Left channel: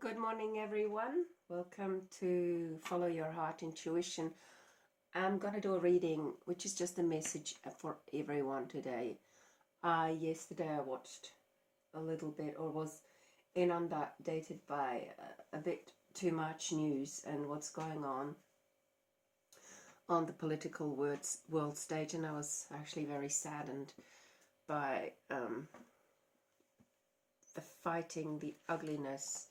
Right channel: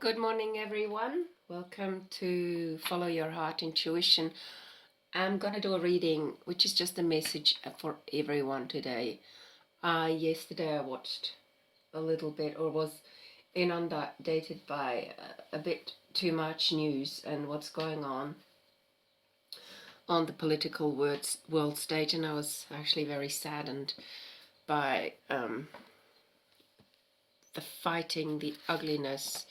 Good morning, everyone. Welcome to Follow Your Heart Intuition. I'm going to do a reading, which is just a message for everyone today. Yesterday I watched a little bit, or was inundated by a bit too much news and what's going on the political world stage, and I was actually very saddened by the fighting, the ugliness,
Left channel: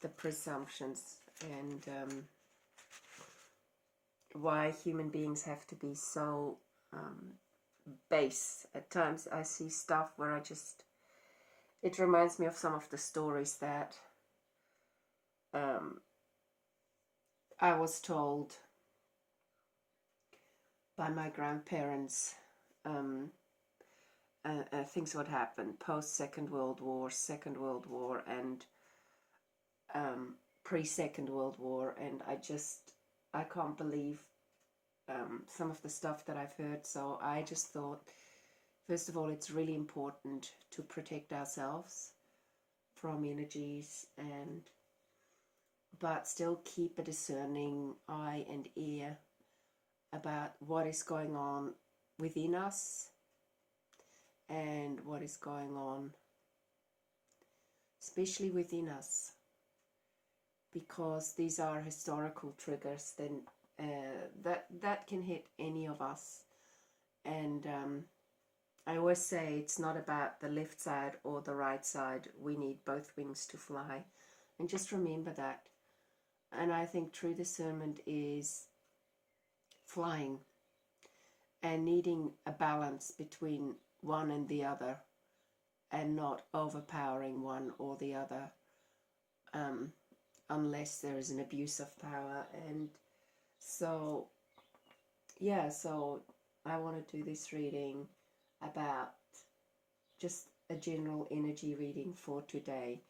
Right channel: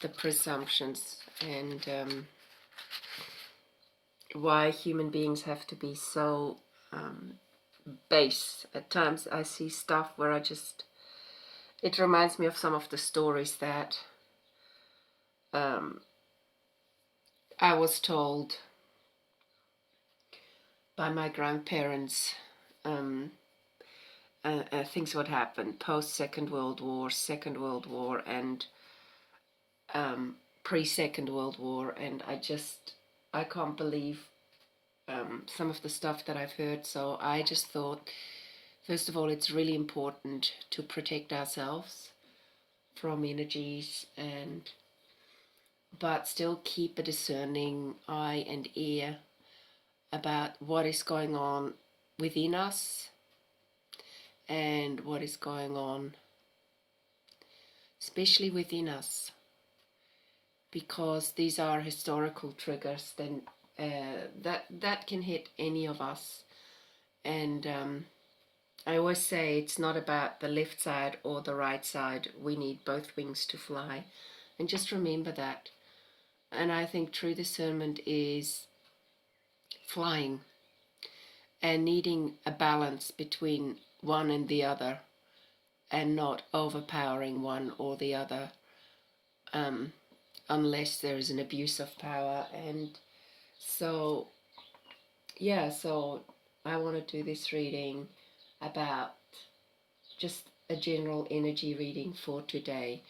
the presumptions, and why human beings have to be so base. At times I see stuff where it reminds me of some of the stories that I was told by my grandparents. Things would happen post Second World War, and pre-Second World War, and I can't believe some of the stuff that I've heard. So I just thought, first of all, it's really important to protect ourselves from energies, but still keep a discerning eye and ear about what is going on within us and what is going on especially within us, because these are historical triggers then that can hit any of us. And I always say it's not about the left side or the right side. We need both wings to fly, and just remember that. And I think true discernment is flying and needing a balance between one and the other, and not overpowering one or the other, unless there is an abuse of power. And so I want to do this reading about just a general energy reading for today,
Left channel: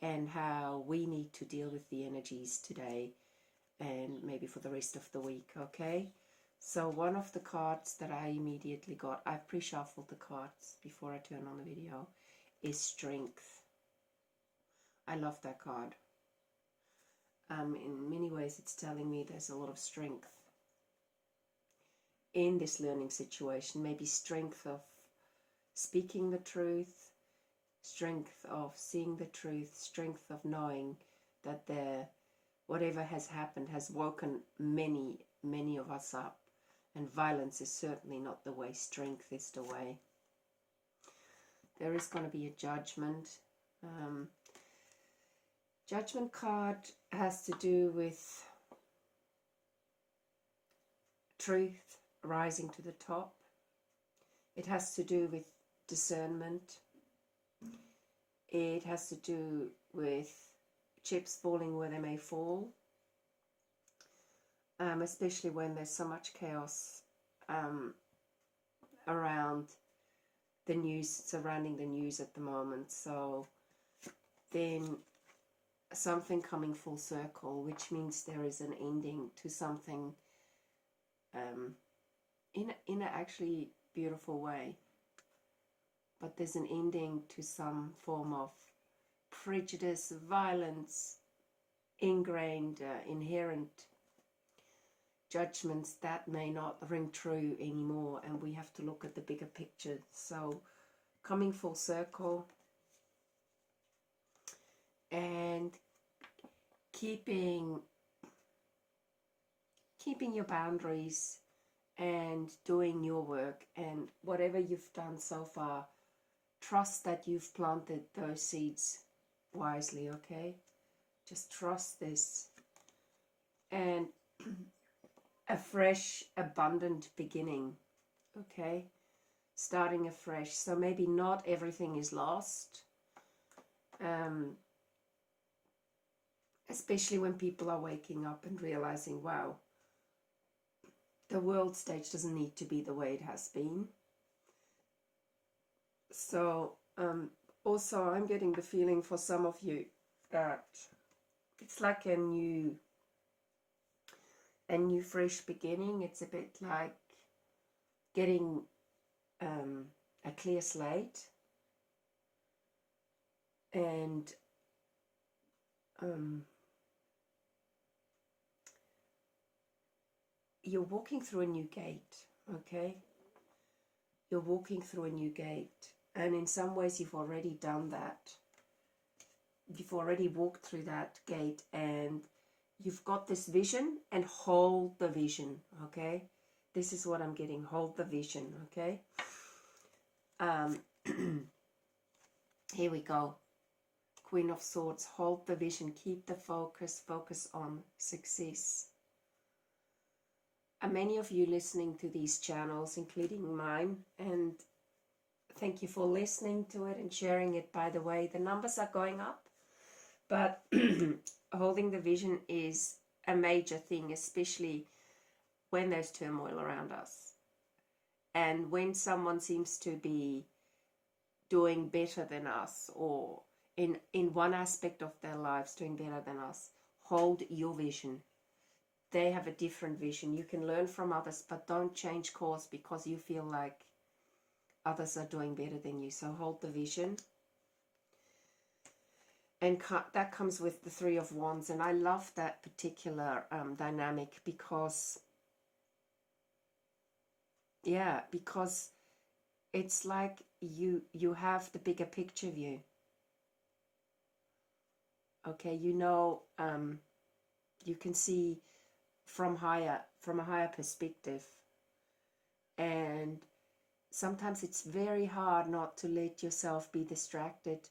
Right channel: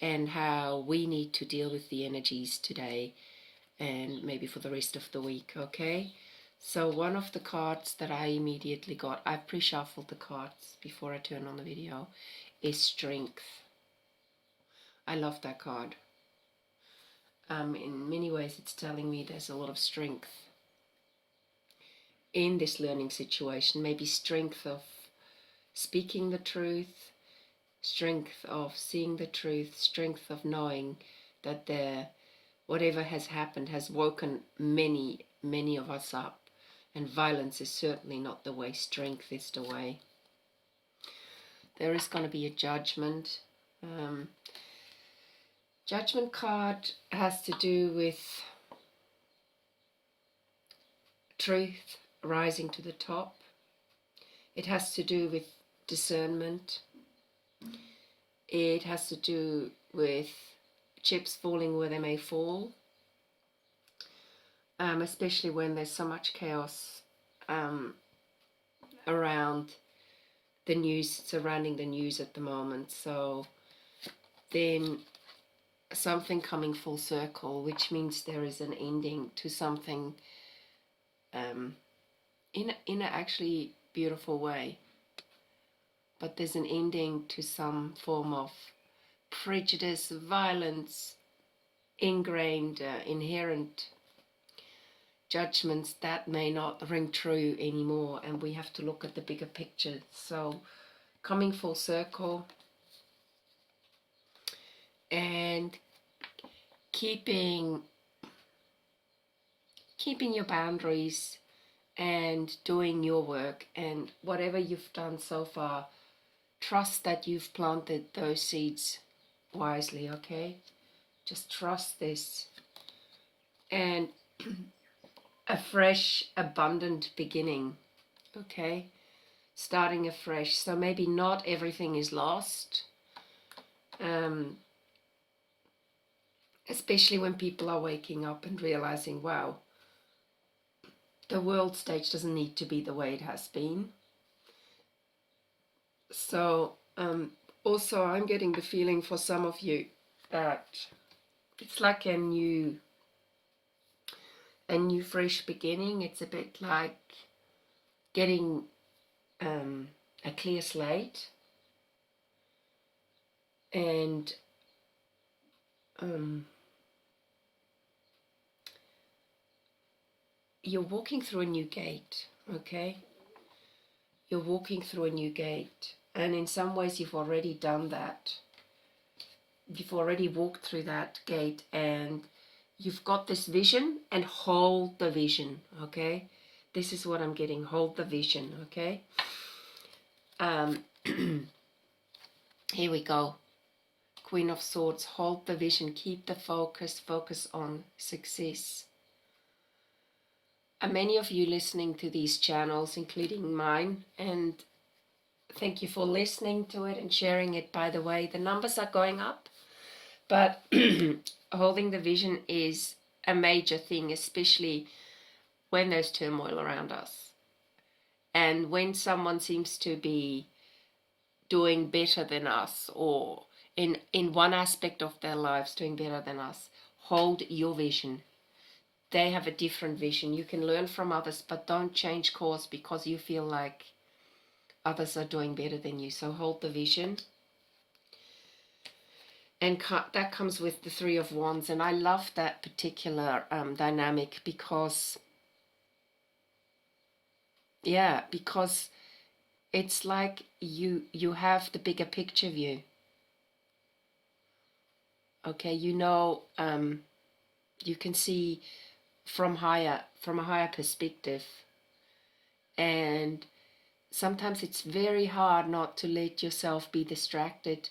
and how we need to deal with the energies today and maybe for the rest of the week, okay? So one of the cards that I immediately got, I've pre-shuffled the cards before I turn on the video, is Strength. I love that card. In many ways it's telling me there's a lot of strength in this learning situation. Maybe strength of speaking the truth, strength of seeing the truth, strength of knowing that whatever has happened has woken many of us up, and violence is certainly not the way. Strength is the way. There is going to be a judgment. Judgment card has to do with truth rising to the top. It has to do with discernment. It has to do with chips falling where they may fall, especially when there's so much chaos around the news, surrounding the news at the moment. So then something coming full circle, which means there is an ending to something in an actually beautiful way. But there's an ending to some form of prejudice, violence, ingrained, inherent judgments that may not ring true anymore, and we have to look at the bigger picture. So coming full circle and keeping your boundaries and doing your work, and whatever you've done so far, trust that you've planted those seeds wisely, okay? Just trust this. And a fresh, abundant beginning, okay? Starting afresh. So maybe not everything is lost, especially when people are waking up and realizing, wow, the world stage doesn't need to be the way it has been. So also I'm getting the feeling for some of you that it's like a new fresh beginning. It's a bit like getting a clear slate, and you're walking through a new gate, okay? You're walking through a new gate. And in some ways you've already done that. You've already walked through that gate and you've got this vision, and hold the vision, okay? This is what I'm getting. Hold the vision, okay? Here we go. Queen of Swords, hold the vision, keep the focus, focus on success. And many of you listening to these channels, including mine, and thank you for listening to it and sharing it, by the way. The numbers are going up, but holding the vision is a major thing, especially when there's turmoil around us. And when someone seems to be doing better than us, or in one aspect of their lives doing better than us, hold your vision. They have a different vision. You can learn from others, but don't change course because you feel like others are doing better than you. So hold the vision. And that comes with the Three of Wands. And I love that particular dynamic because, yeah, because it's like you have the bigger picture view. Okay, you know, you can see from a higher perspective. And sometimes it's very hard not to let yourself be distracted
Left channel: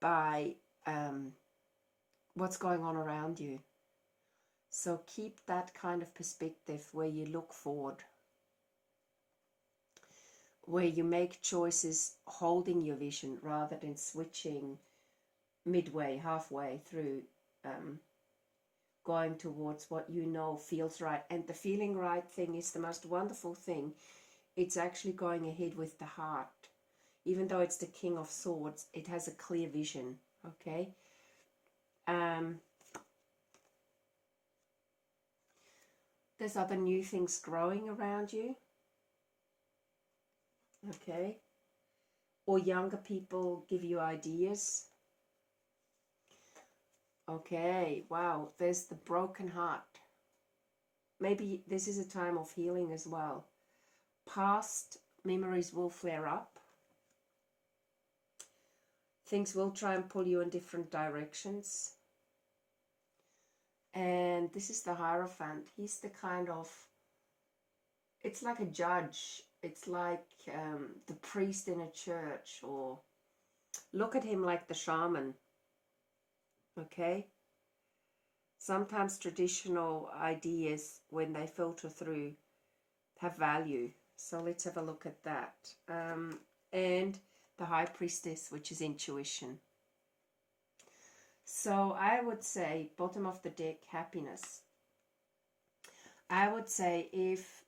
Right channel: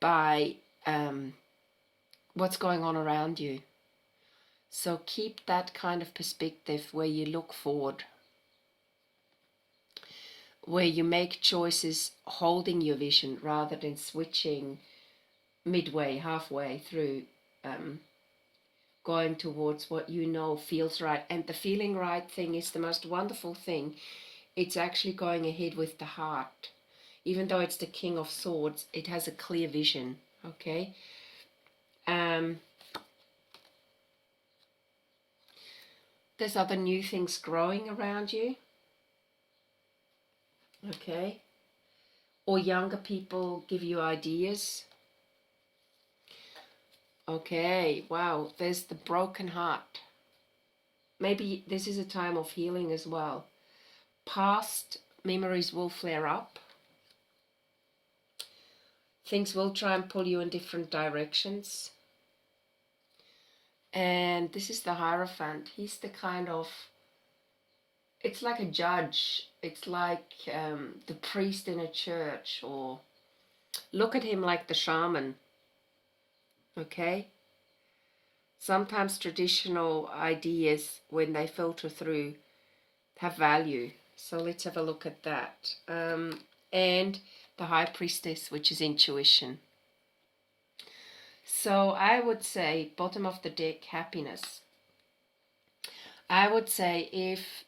by what's going on around you. So keep that kind of perspective where you look forward, where you make choices holding your vision rather than switching midway, halfway through, going towards what you know feels right. And the feeling right thing is the most wonderful thing. It's actually going ahead with the heart. Even though it's the King of Swords, it has a clear vision, okay? There's other new things growing around you, okay? Or younger people give you ideas. Okay, wow, there's the broken heart. Maybe this is a time of healing as well. Past memories will flare up. Things will try and pull you in different directions. And this is the Hierophant. He's the kind of, it's like a judge. It's like the priest in a church, or look at him like the shaman. Okay? Sometimes traditional ideas, when they filter through, have value. So let's have a look at that. And the High Priestess, which is intuition. So I would say, bottom of the deck, happiness. I would say if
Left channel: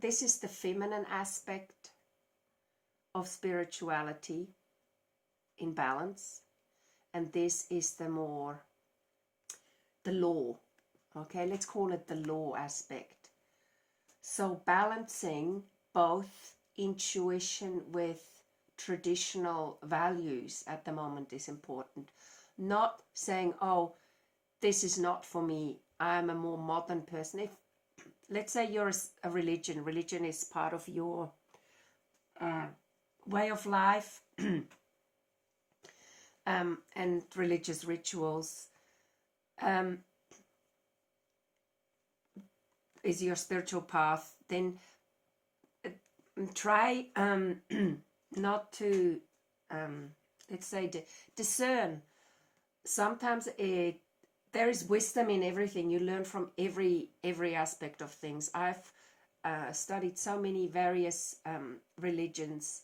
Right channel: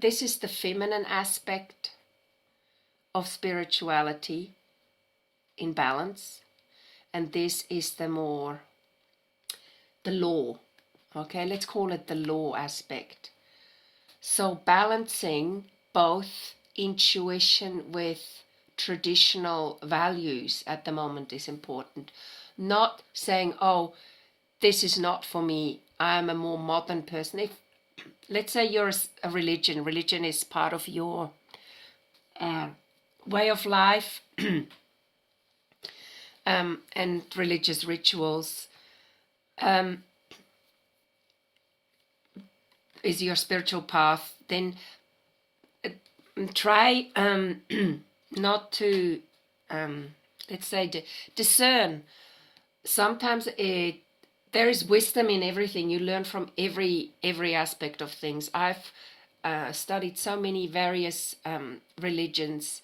this is the feminine aspect of spirituality in balance, and this is the law. Okay, let's call it the law aspect. So balancing both intuition with traditional values at the moment is important. Not saying, oh, this is not for me, I am a more modern person. If, let's say you're a religion is part of your way of life, and religious rituals is your spiritual path, then try not to, let's say, discern. Sometimes there is wisdom in everything. You learn from every aspect of things. I've studied so many various religions,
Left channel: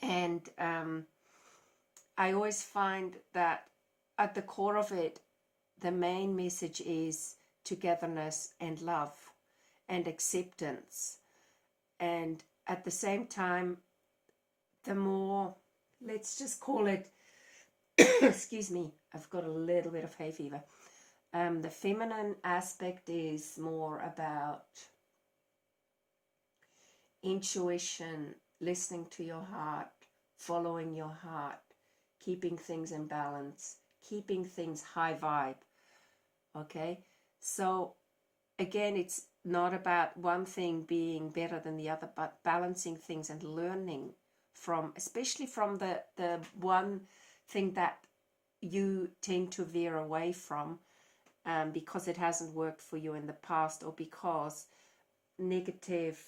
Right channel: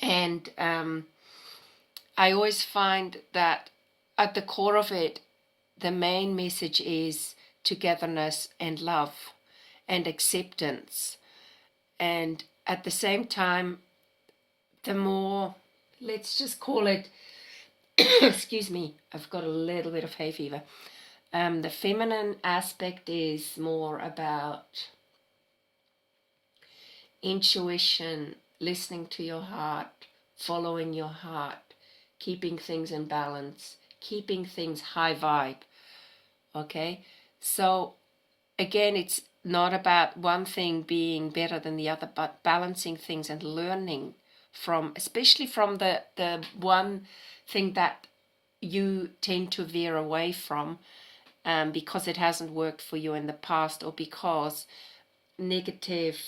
and I always find that at the core of it, the main message is togetherness and love and acceptance. And at the same time, the more, let's just call it, excuse me, I've got a little bit of hay fever. The feminine aspect is more about intuition, listening to your heart, following your heart, keeping things in balance, keeping things high vibe. Okay, so again, it's not about one thing being better than the other, but balancing things and learning from, especially from the one thing that you tend to veer away from, because it hasn't worked for you in the past, or because negative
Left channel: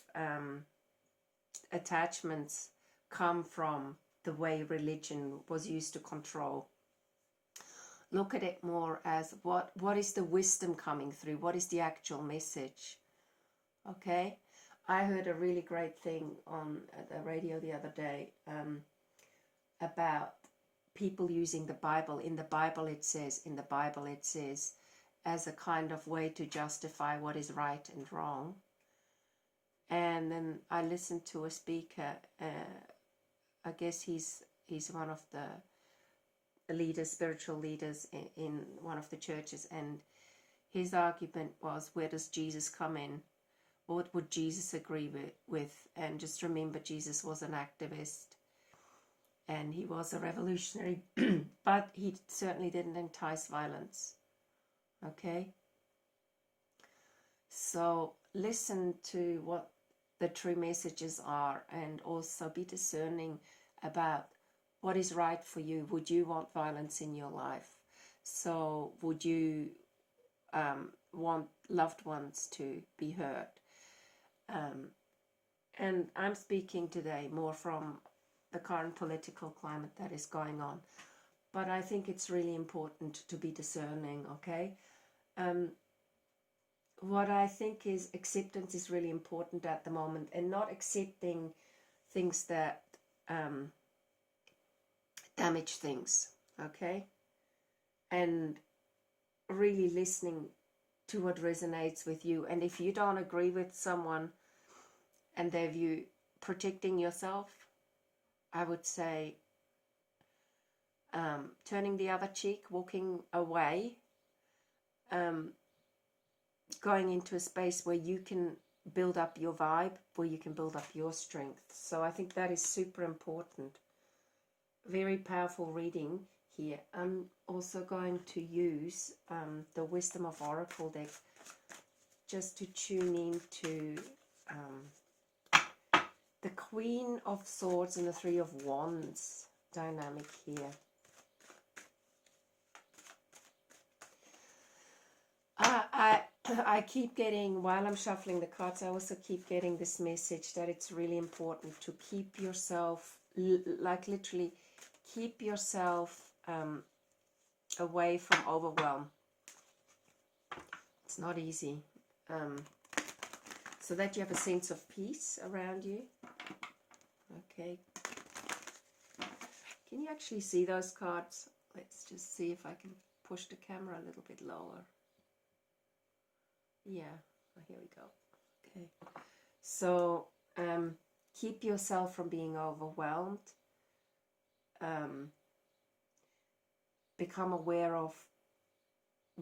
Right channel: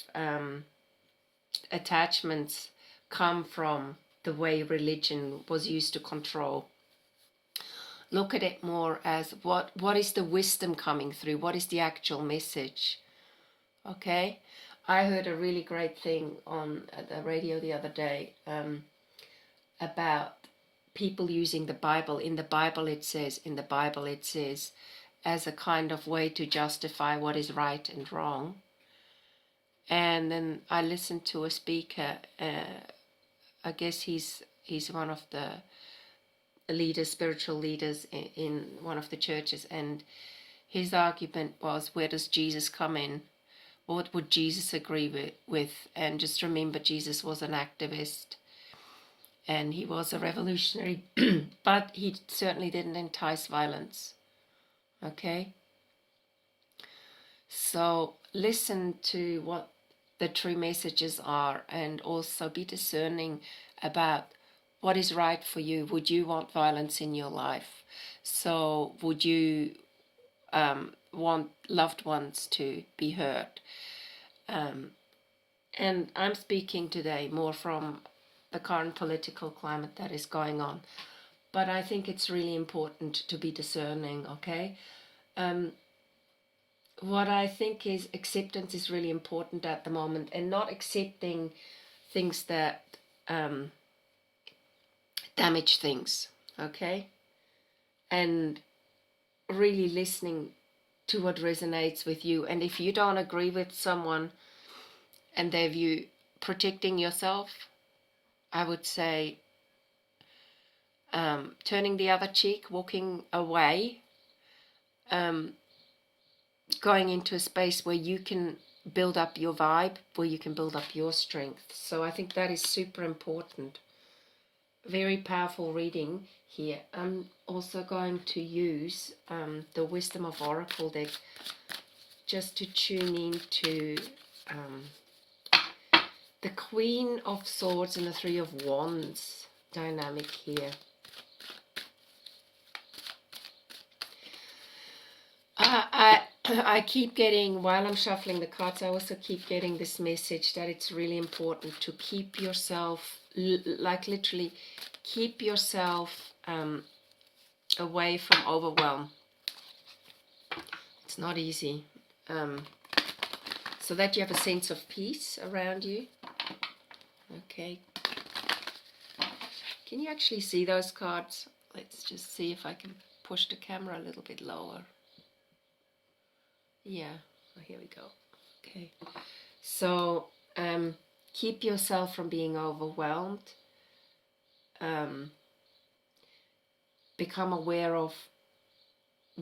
attachments come from the way religion was used to control. Look at it more as what is the wisdom coming through? What is the actual message? Okay, I heard a really great thing on the radio the other day, about people using the Bible. In the Bible it says, as a kind of way to justify what is right and wrong. And then I listened to a speaker, I guess he's one of the leaders, spiritual leaders in one of the churches, and his argument was, where does Jesus come in? What would Jesus agree with? And just remember, Jesus was an activist and he was a revolutionary, but he certainly didn't entice violence. Okay? So listen to what the true messages are, and also be discerning about what is right for you. Would you want violence in your life? So would you want loved ones to be hurt? And I'm speaking today more from the current political climate that is going on. But I think it's really important to be discerning, okay? What I think is acceptance is really important at the moment, and not accepting things that damage things, okay? And really listening to what resonates with you. And if you don't agree with someone and their view, protecting yourself, I would say turning the other cheek, walking away, going into a space where you can build up your vibe, where you can build up your strength. So I think that is super important. Very powerful reading here. I'm also going to use the Wisdom of Oracle deck just to tune in to the Queen of Swords and the Three of Wands dynamic here. I keep getting, while I'm shuffling the cards, I also keep getting this message that it's really important to keep yourself, like literally, keep yourself away from overwhelm. It's not easy. So that you have a sense of peace around you. Okay. Can you actually see those cards? Let's just see if I can push the camera a little bit lower. Yeah, oh, here we go. Okay, so keep yourself from being overwhelmed. Become aware of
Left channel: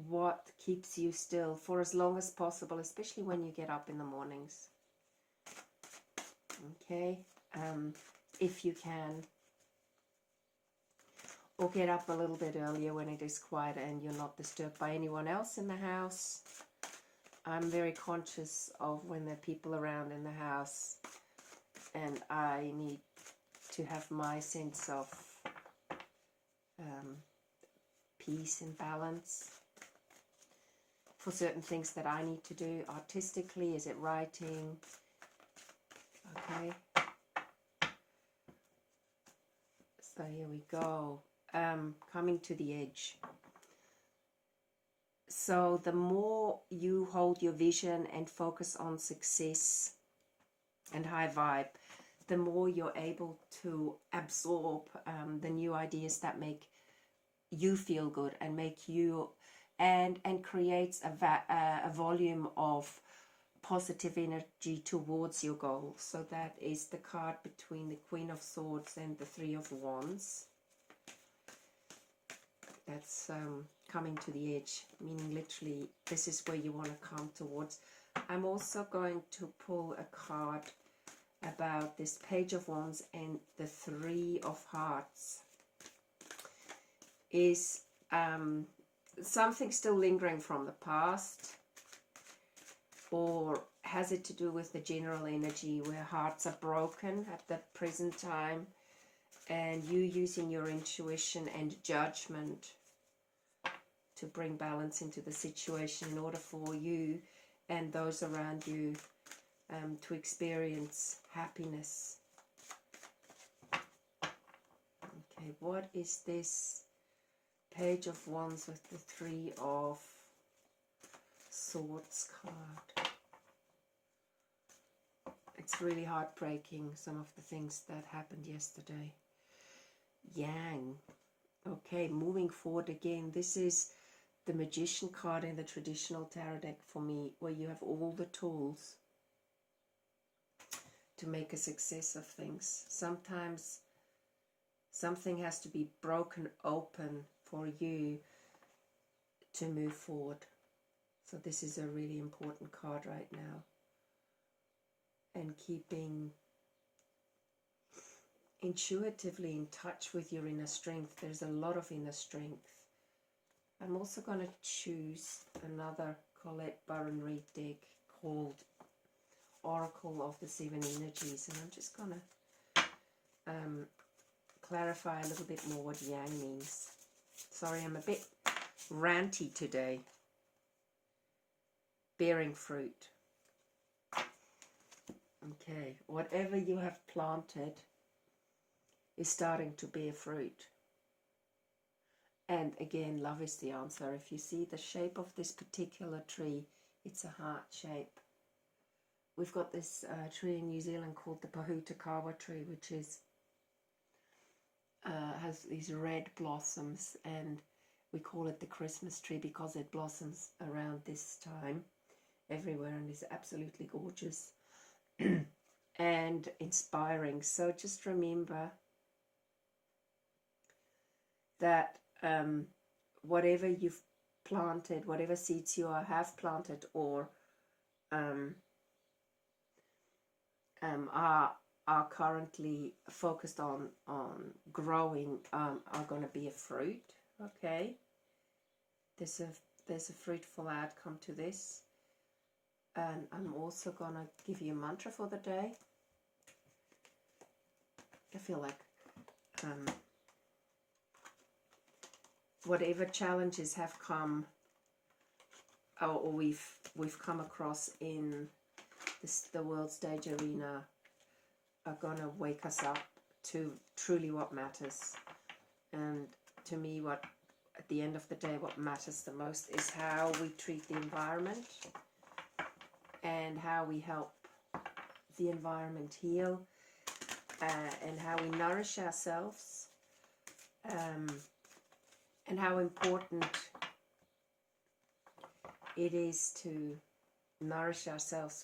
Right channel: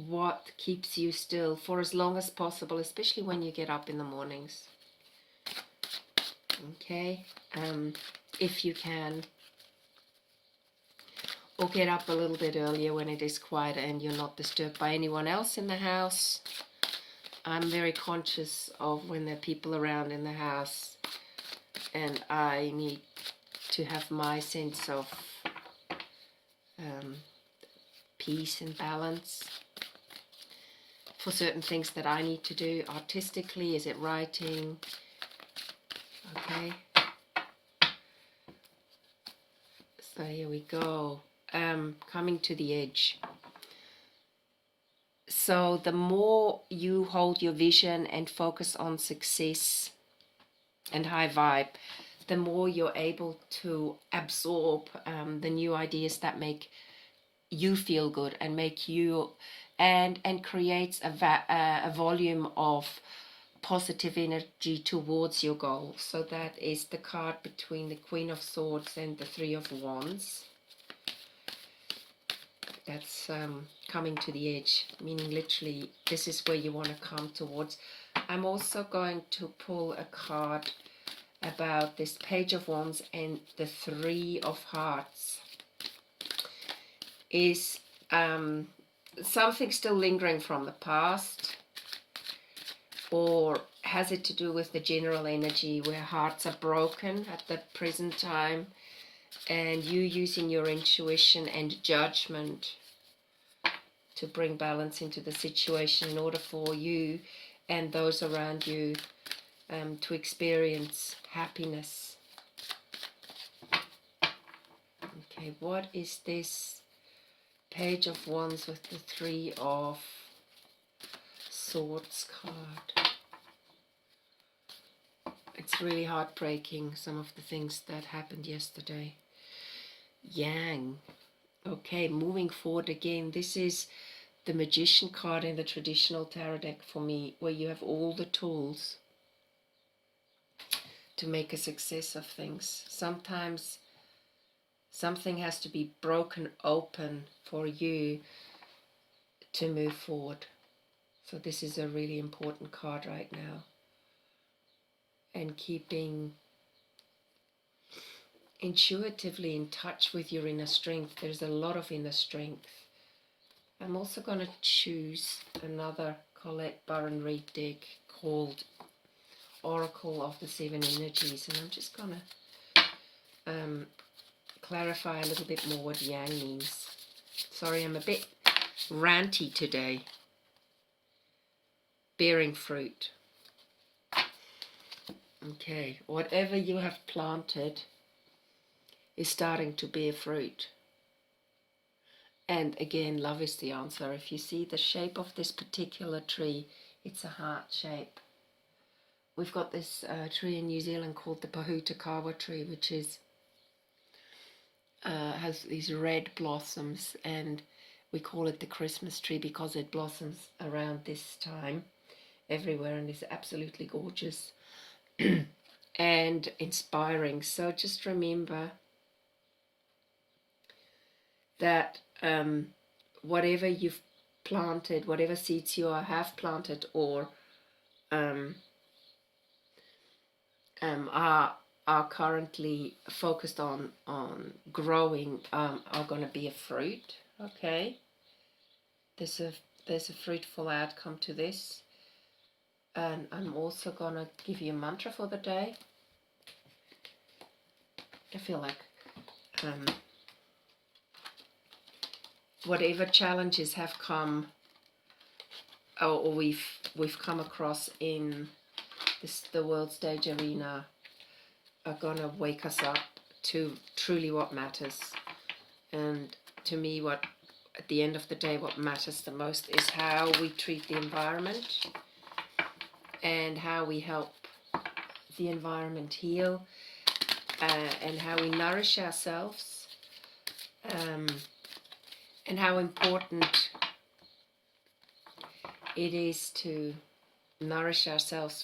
what keeps you still for as long as possible, especially when you get up in the mornings. Okay, if you can. Or get up a little bit earlier when it is quiet and you're not disturbed by anyone else in the house. I'm very conscious of when there are people around in the house, and I need to have my sense of peace and balance. For certain things that I need to do artistically, is it writing? Okay. So here we go. Coming to the edge. So the more you hold your vision and focus on success and high vibe, the more you're able to absorb the new ideas that make you feel good and make you and creates a volume of positive energy towards your goal. So that is the card between the Queen of Swords and the Three of Wands. That's coming to the edge, meaning literally this is where you want to come towards. I'm also going to pull a card about this Page of Wands and the Three of Hearts. is something still lingering from the past, or has it to do with the general energy where hearts are broken at the present time, and you using your intuition and judgment to bring balance into the situation in order for you and those around you to experience happiness. Okay, what is this Page of Wands with the Three of Swords card? It's really heartbreaking, some of the things that happened yesterday. Yang. Okay, moving forward again. This is the Magician card in the traditional tarot deck for me, where you have all the tools to make a success of things. Sometimes something has to be broken open for you to move forward. So this is a really important card right now. And keeping intuitively in touch with your inner strength. There's a lot of inner strength. I'm also going to choose another Colette Baron Reid deck called Oracle of the Seven Energies, and I'm just going to clarify a little bit more what Yang means. Sorry, I'm a bit ranty today. Bearing fruit. Okay, whatever you have planted is starting to bear fruit. And again, love is the answer. If you see the shape of this particular tree, it's a heart shape. We've got this tree in New Zealand called the Pahutakawa tree, which is has these red blossoms, and we call it the Christmas tree because it blossoms around this time everywhere and is absolutely gorgeous and inspiring. So just remember that whatever you've planted, whatever seeds you have planted or are currently focused on growing are going to be a fruit. Okay, there's a fruitful outcome to this. And I'm also going to give you a mantra for the day. I feel like whatever challenges have come or we've come across in the world stage arena are going to wake us up to truly what matters. And to me, what at the end of the day, what matters the most is how we treat the environment and how we help the environment heal, and how we nourish ourselves, and how important it is to nourish ourselves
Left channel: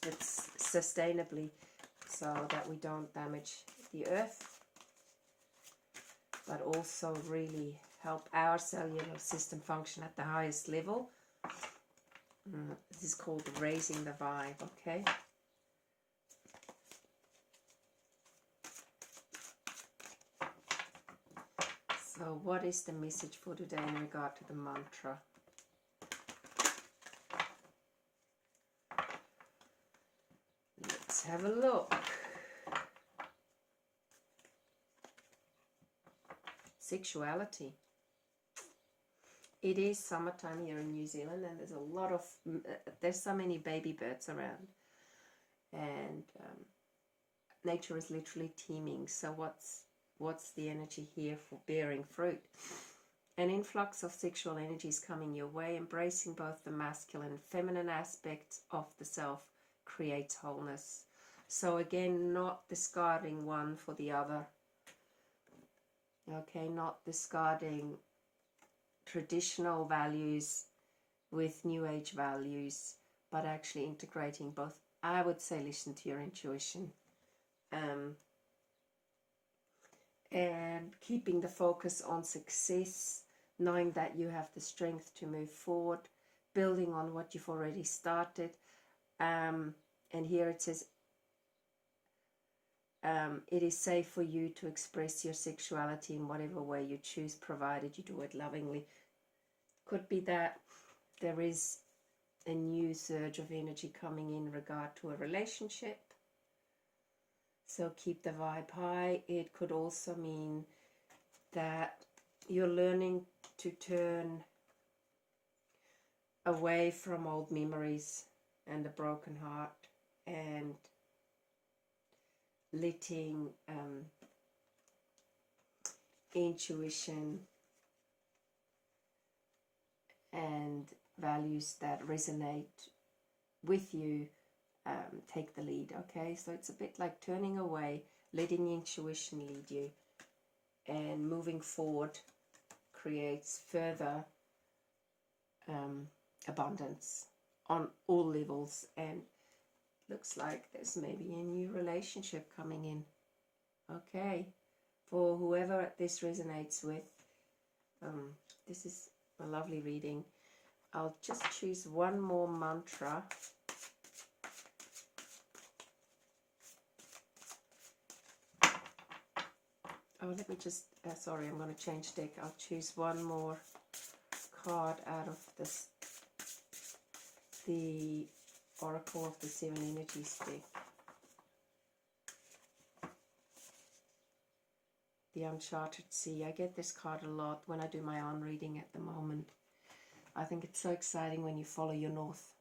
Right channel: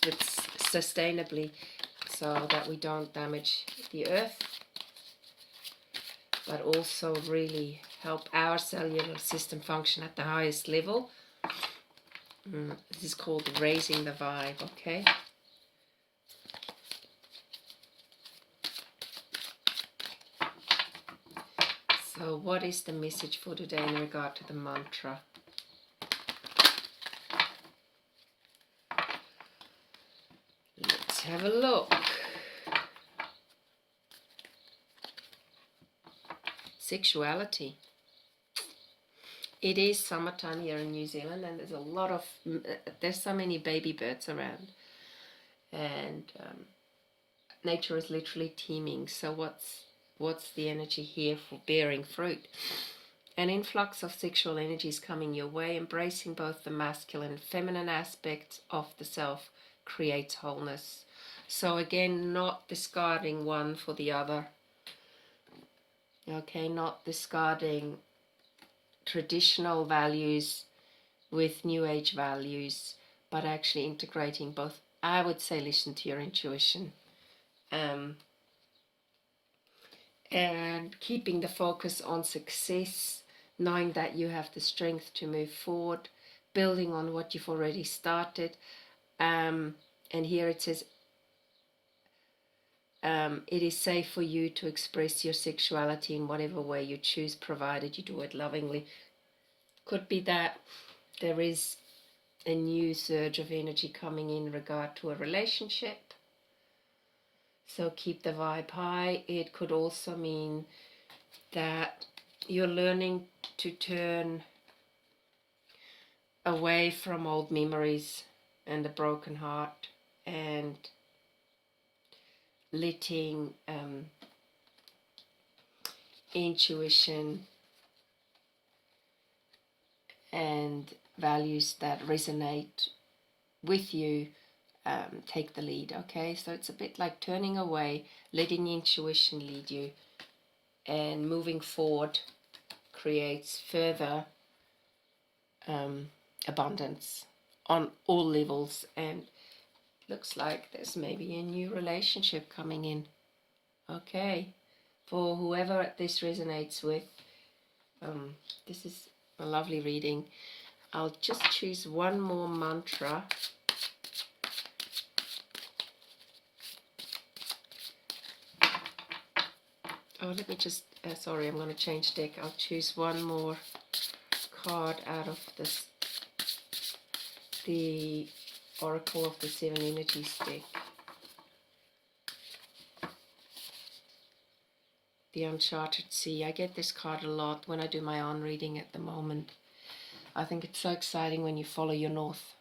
sustainably so that we don't damage the earth, but also really help our cellular system function at the highest level. This is called raising the vibe, okay? So what is the message for today in regard to the mantra? Let's have a look. Sexuality. It is summertime here in New Zealand, and there's so many baby birds around, and nature is literally teeming. So what's the energy here for bearing fruit? An influx of sexual energy is coming your way. Embracing both the masculine and feminine aspects of the self creates wholeness. So again, not discarding one for the other. Okay, not discarding traditional values with new age values, but actually integrating both. I would say listen to your intuition, and keeping the focus on success, knowing that you have the strength to move forward, building on what you've already started. And here it says It is safe for you to express your sexuality in whatever way you choose, provided you do it lovingly. Could be that there is a new surge of energy coming in regard to a relationship. So keep the vibe high. It could also mean that you're learning to turn away from old memories and a broken heart, and letting intuition and values that resonate with you take the lead. Okay, so it's a bit like turning away, letting intuition lead you, and moving forward creates further abundance on all levels. And looks like there's maybe a new relationship coming in. Okay, for whoever this resonates with, this is a lovely reading. I'll just choose one more mantra. Oh, let me just, sorry, I'm going to change deck. I'll choose one more card out of this, the Oracle of the Seven Energies deck. The Uncharted Sea. I get this card a lot when I do my own reading at the moment. I think it's so exciting when you follow your north,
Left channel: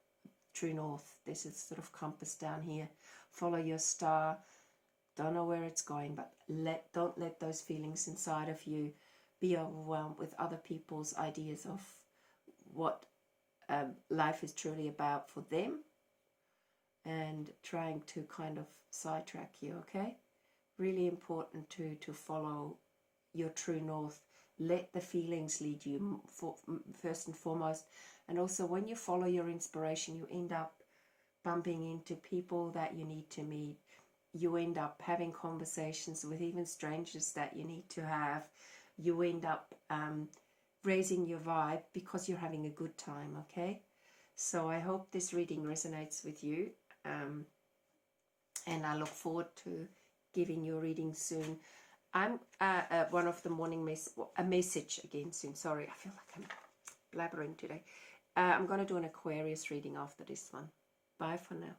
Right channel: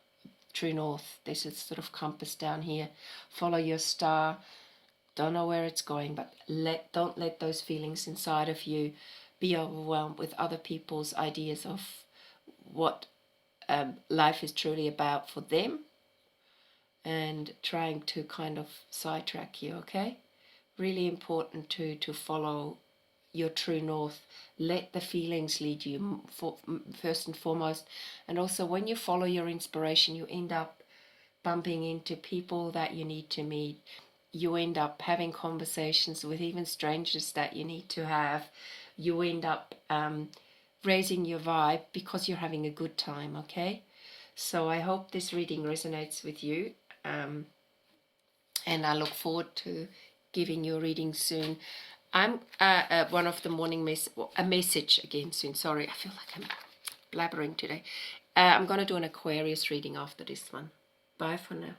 true north. This is sort of compass down here. Follow your star. Don't know where it's going, but don't let those feelings inside of you be overwhelmed with other people's ideas of what life is truly about for them, and trying to kind of sidetrack you. Okay, really important to follow your true north. Let the feelings lead you first and foremost. And also, when you follow your inspiration, you end up bumping into people that you need to meet. You end up having conversations with even strangers that you need to have. You end up raising your vibe because you're having a good time. Okay, so I hope this reading resonates with you, and I look forward to giving you a reading soon. I'm one of the morning a message again soon. Sorry, I feel like I'm blabbering today. I'm going to do an Aquarius reading after this one. Bye for now.